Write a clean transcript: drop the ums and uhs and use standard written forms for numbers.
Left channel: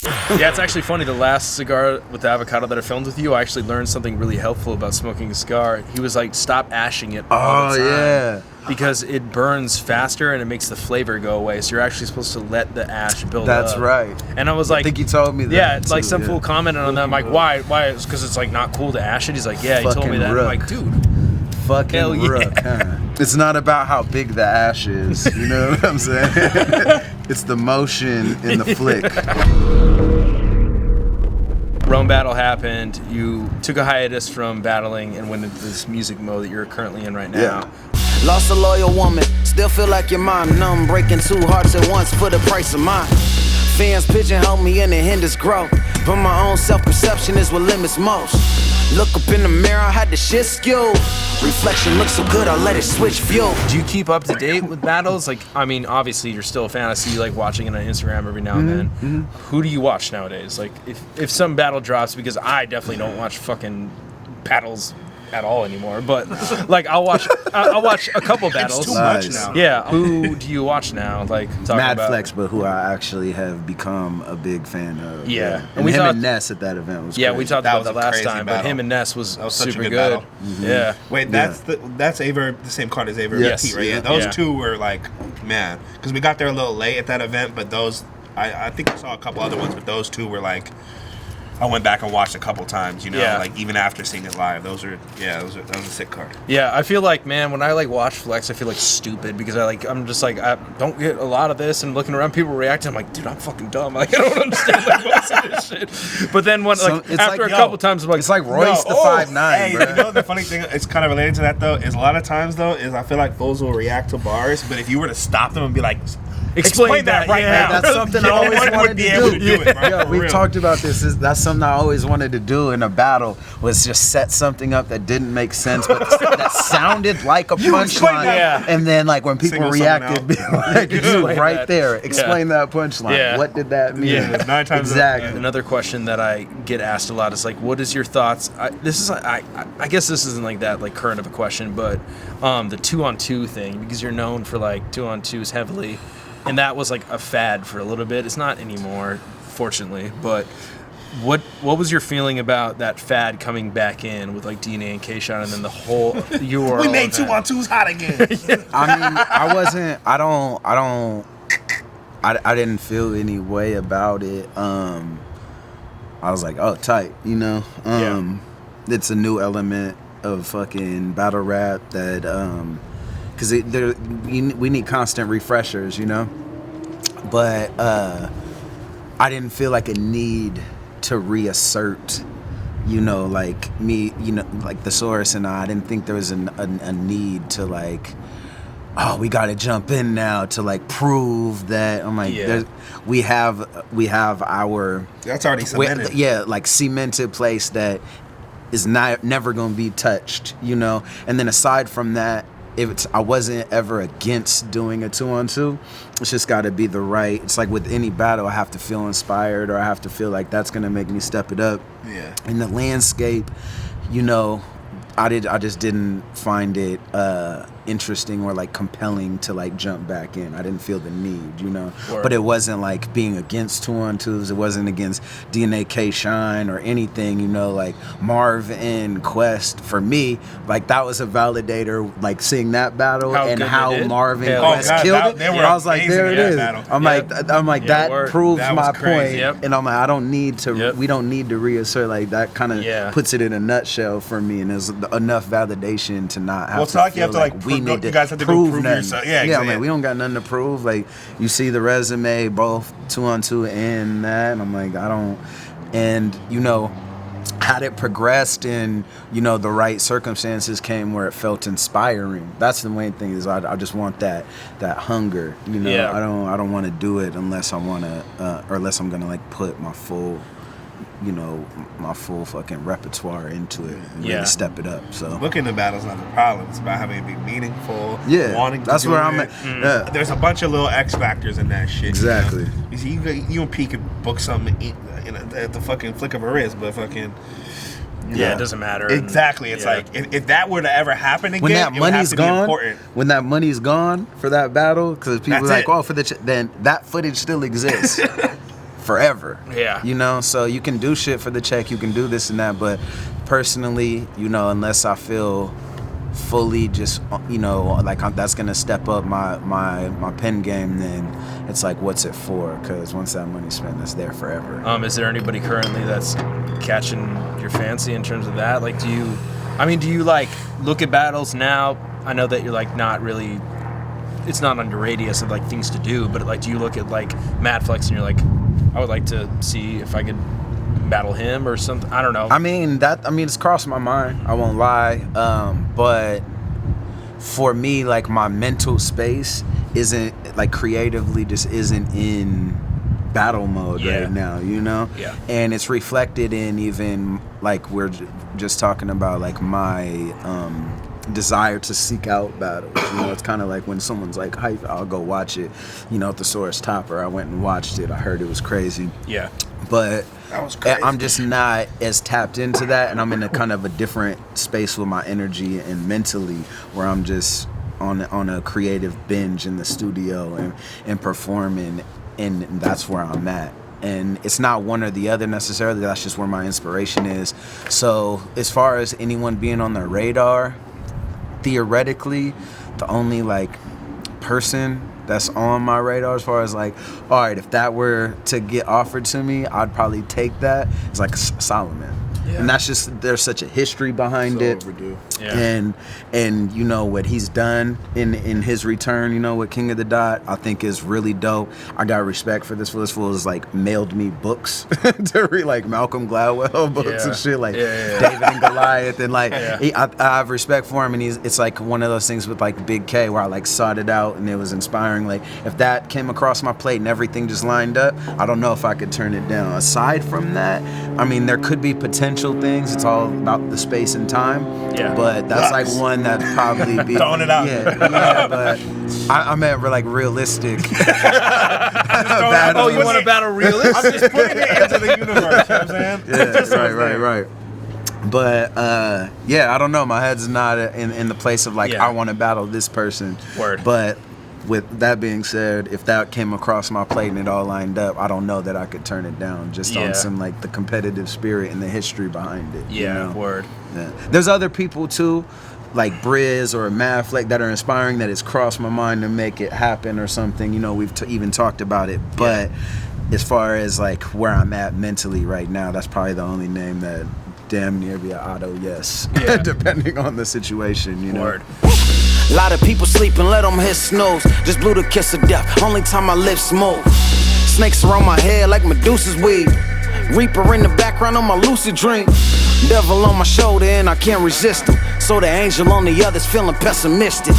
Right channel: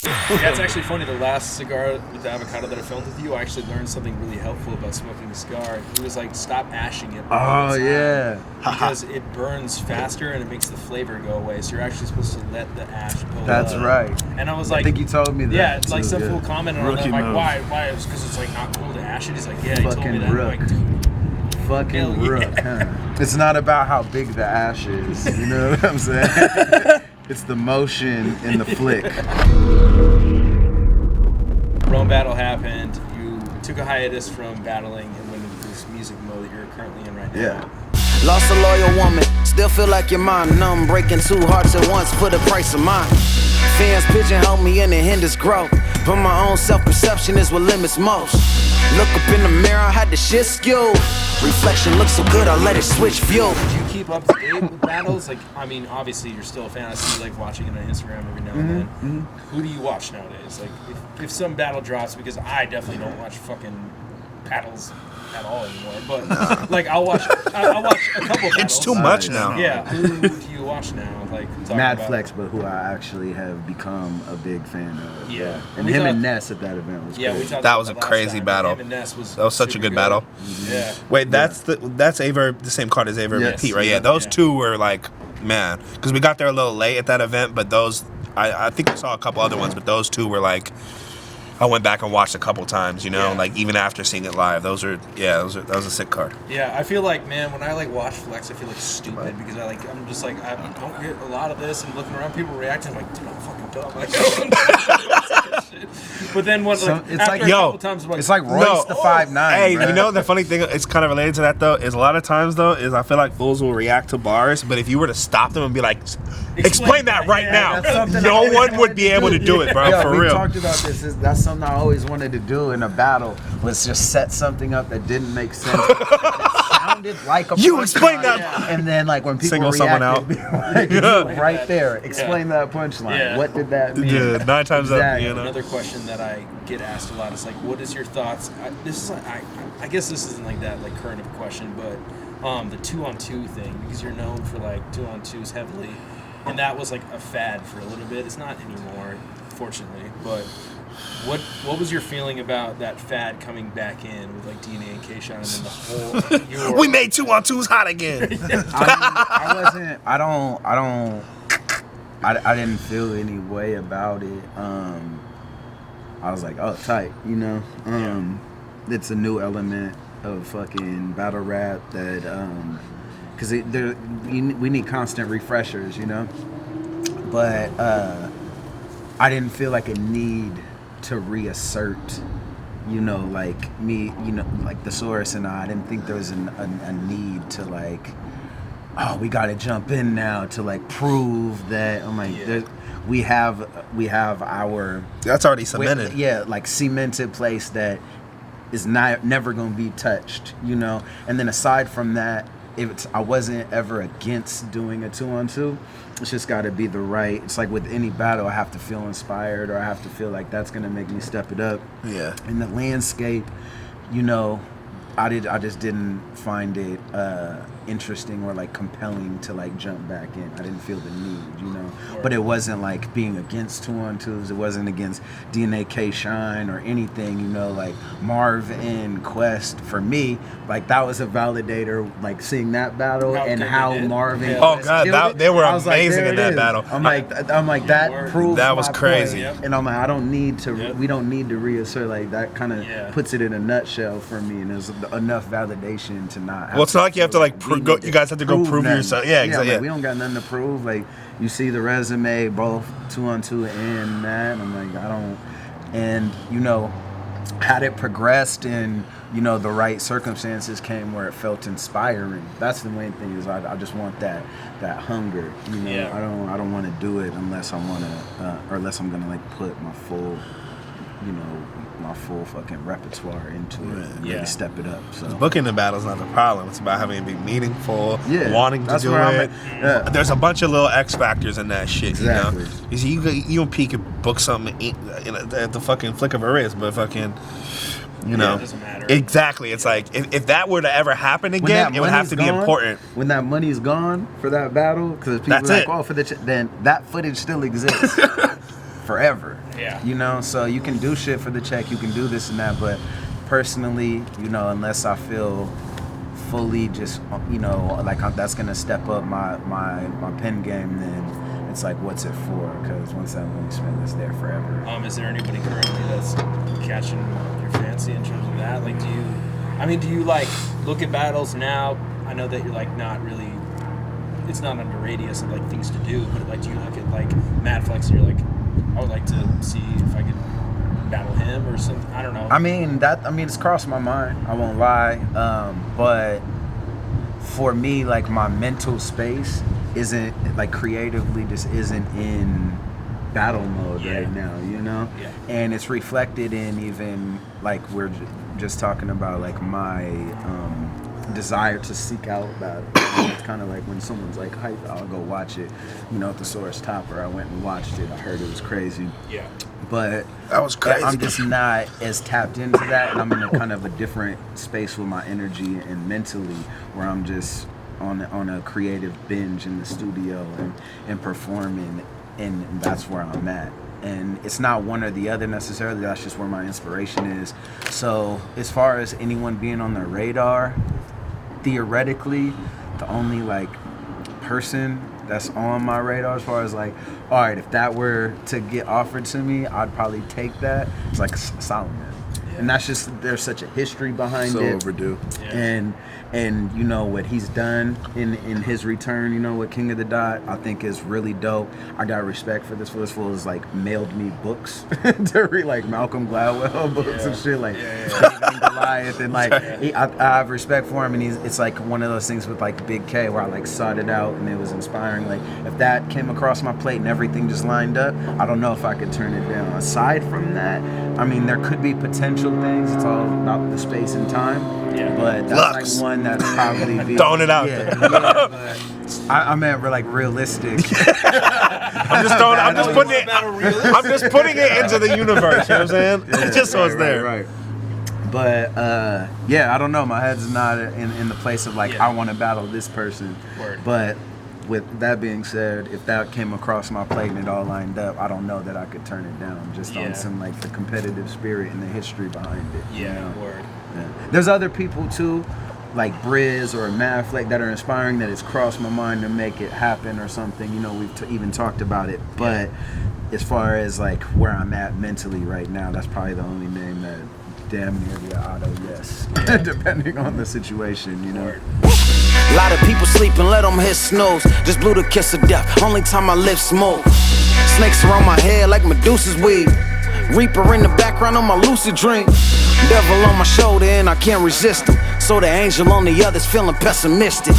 Yeah, it's actually funny. The last cigar with the avocado that I filmed with you, I actually learned something really helpful about smoking a cigar. He was like, stop ashing it all the time. Yeah. Because it burns faster and it makes the flavor go away. So you're actually supposed to let the ash build up. That's right. And I was like... I think you told me that. Yeah, it's like too, some fool commented on that. I'm like, why? It's because it's like not cool to ash it. He's like, yeah, he told me that. I'm like, dude. Fucking hell yeah. rook, huh? It's not about how big the ash is. You know what I'm saying? It's the motion in the flick. Rome battle happened. You took a hiatus from battling and went into this music mode that you're currently in right now. Yeah. Lost a loyal woman, still feel like your mind numb, breaking 2 hearts at once for the price of mine. Fans pigeonhole me and it hinders growth, but my own self-perception is what limits most. Look up in the mirror, I had the shit skewed. Reflection looks so good, I let it switch view. Do you keep up to date with battles? Like, I mean, obviously you're still a fan. I see you like watching it on Instagram every now and then. Mm-hmm. Who do you watch nowadays? Like, if some battle drops, because I definitely don't watch fucking battles at all anymore. But like, I'll watch a couple battles. It's too much now. Yeah. Who do you watch now? Like, Mad Flex, but who I actually have become a big fan of. Yeah. And him and Ness at that event was crazy. We talked that about was that a last crazy time, battle. But him and Ness was such a good good battle. Mm-hmm. Yeah. Wait, that's Aver, the same card as Aver and Yes. Pete, right? Yeah, those two were like, man, because we got there a little late at that event, but those, I think I saw a couple other ones, but those two were like, I went back and watched a couple times, you know, like even after seeing it live. That was a sick card. Yeah, I feel like, man, when I like watch Flex, I feel like stupid because I'm just like, I don't get a lot of this, and looking around, people reacting, I'm like, dude, I'm fucking dumb. Like, I don't understand like, most of this shit. But then when after like, a couple times, I'm like, it's like Royce the 5'9". Hey, bro. you know the funny thing? It's kind of related to that though. Is a lot of times though, is I feel like fools will react to bars, but if you were to stop them and be like, explain that right now, that's something no one would be able to do it, bro. Yeah, for we real. talked about this. That's something I always wanted to do in a battle, was just set something up that didn't make sense, but that sounded like a punchline. Yeah. And then, like, when people reacted, be like, you right that. there, explain that punchline. Yeah. What did that mean? Yeah, 9 times exactly. up. Another question that I get asked a lot is like, what is your thoughts? I guess this isn't like that like current of a question, but the 2-on-2 thing, because you're known for like 2-on-2s heavily, and that was like a fad for a little bit. It's not anymore, fortunately, but. What was your feeling about that fad coming back in with like DNA and K-Shot and then the whole we made 2-on-2s hot again. I didn't feel any way about it. I was like, oh, tight, you know. It's a new element of fucking battle rap that because we need constant refreshers, you know. But I didn't feel like a need to reassert, you know, like me, you know, like the Saurus and I didn't think there was a need to like, oh, we got to jump in now to like prove that. I'm like, we have our that's already cemented. Like cemented place that is never gonna be touched, you know. And then aside from that, I wasn't ever against doing a 2-on-2. It's just got to be the right. It's like with any battle, I have to feel inspired, or I have to feel like that's gonna make me step it up. Yeah. In the landscape, you know, I just didn't find it interesting or like compelling to like jump back in. I didn't feel the need, you know. But it wasn't like being against 2-on-2s. It wasn't against DNA K-Shine or anything, you know. Like Marv and Quest, for me, like that was a validator. Like seeing that battle and how Marv and Quest killed it. They were I was like, there it is. Battle. I'm like that proves that was my crazy. point. And I'm like, I don't need to. We don't need to reassert. Like that kind of puts it in a nutshell for me, and there's enough validation to not have. Well, it's not like you have to like you guys have to go prove yourself. Yeah, exactly. Like, we don't got nothing to prove. Like you see the resume, both 2-on-2 and that, and I'm like, I don't. And you know, had it progressed and you know the right circumstances came where it felt inspiring. That's the main thing. Is I just want that hunger. You know, I don't want to do it unless I want to, or unless I'm gonna like put my full. You know, my full fucking repertoire into it and really step it up. So booking the battle's not the problem. It's about having it be meaningful, wanting to do where it. I'm at. There's a bunch of little X factors in that shit. Exactly. You know? You and P can book something at the fucking flick of a wrist, but fucking. You know, it doesn't matter. Exactly. It's like if that were to ever happen again, it would have to be important. When that money's gone for that battle, because people are like, oh, then that footage still exists. forever. Yeah. You know, so you can do shit for the check, you can do this and that, but personally, you know, unless I feel fully just, you know, like that's gonna step up my pen game, then it's like, what's it for? Because once that money's spent, it's there forever. Is there anybody currently that's catching your fancy in terms of that? Like, do you like look at battles now? I know that you're like not really, it's not on your radius of like things to do, but like, do you look at like Mad Flex and you're like, I would like to see if I could battle him or something? I don't know. I mean, it's crossed my mind, I won't lie, but for me, like, my mental space isn't, like, creatively just isn't in battle mode right now, you know? Yeah. And it's reflected in even, like, we're just talking about, like, my desire to seek out battles. You know, it's kind of like when someone's like hype, I'll go watch it. You know, at the Saurus Topper, I went and watched it. I heard it was crazy. Yeah. But That was crazy. I'm just not as tapped into that, and I'm in a kind of a different space with my energy and mentally, where I'm just on a creative binge in the studio and performing, and that's where I'm at. And it's not one or the other necessarily, that's just where my inspiration is. So as far as anyone being on the radar, theoretically, the only like person that's on my radar as far as like, all right, if that were to get offered to me, I'd probably take that. It's like Solomon. Yeah. And that's just, there's such a history behind it. Overdue. Yeah. And you know what he's done in his return, you know, with King of the Dot, I think is really dope. I got respect for this fool. This fool has like mailed me books to read, like Malcolm Gladwell books and shit, like David and Goliath, and like I have respect for him, and it's like one of those things with like Big K where I like sought it out and it was inspiring. Like if that came across my plate and everything just lined up, I don't know if I could turn it down. Aside from that, I mean, there could be potential things. It's all about the space and time. Yeah. But that's like one that probably be Throwing it out. Yeah, but I meant we're like realistic. I'm just throwing, I'm just you putting want to it, battle realistic? I'm just putting it into the universe. You know what I'm saying? It just so it's there. Right. But yeah, I don't know. My head's not in the place of like I want to battle this person. Word. But with that being said, if that came across my plate and it all lined up, I don't know that I could turn it down just on some like the competitive spirit and the history behind it. Yeah, you know? word. Yeah. There's other people too, like Briz or Mad Fleck, that are inspiring, that has crossed my mind to make it happen or something. You know, we've even talked about it. But as far as like where I'm at mentally right now, that's probably the only name that damn near be an auto yes, depending on the situation, you know. Word. A lot of people sleeping, let them hit snooze. Just blew the kiss of death, only time my lips move. Snakes around my head like Medusa's weed. Reaper in the background on my lucid dream. Devil on my shoulder and I can't resist him. So the angel on the other's feeling pessimistic.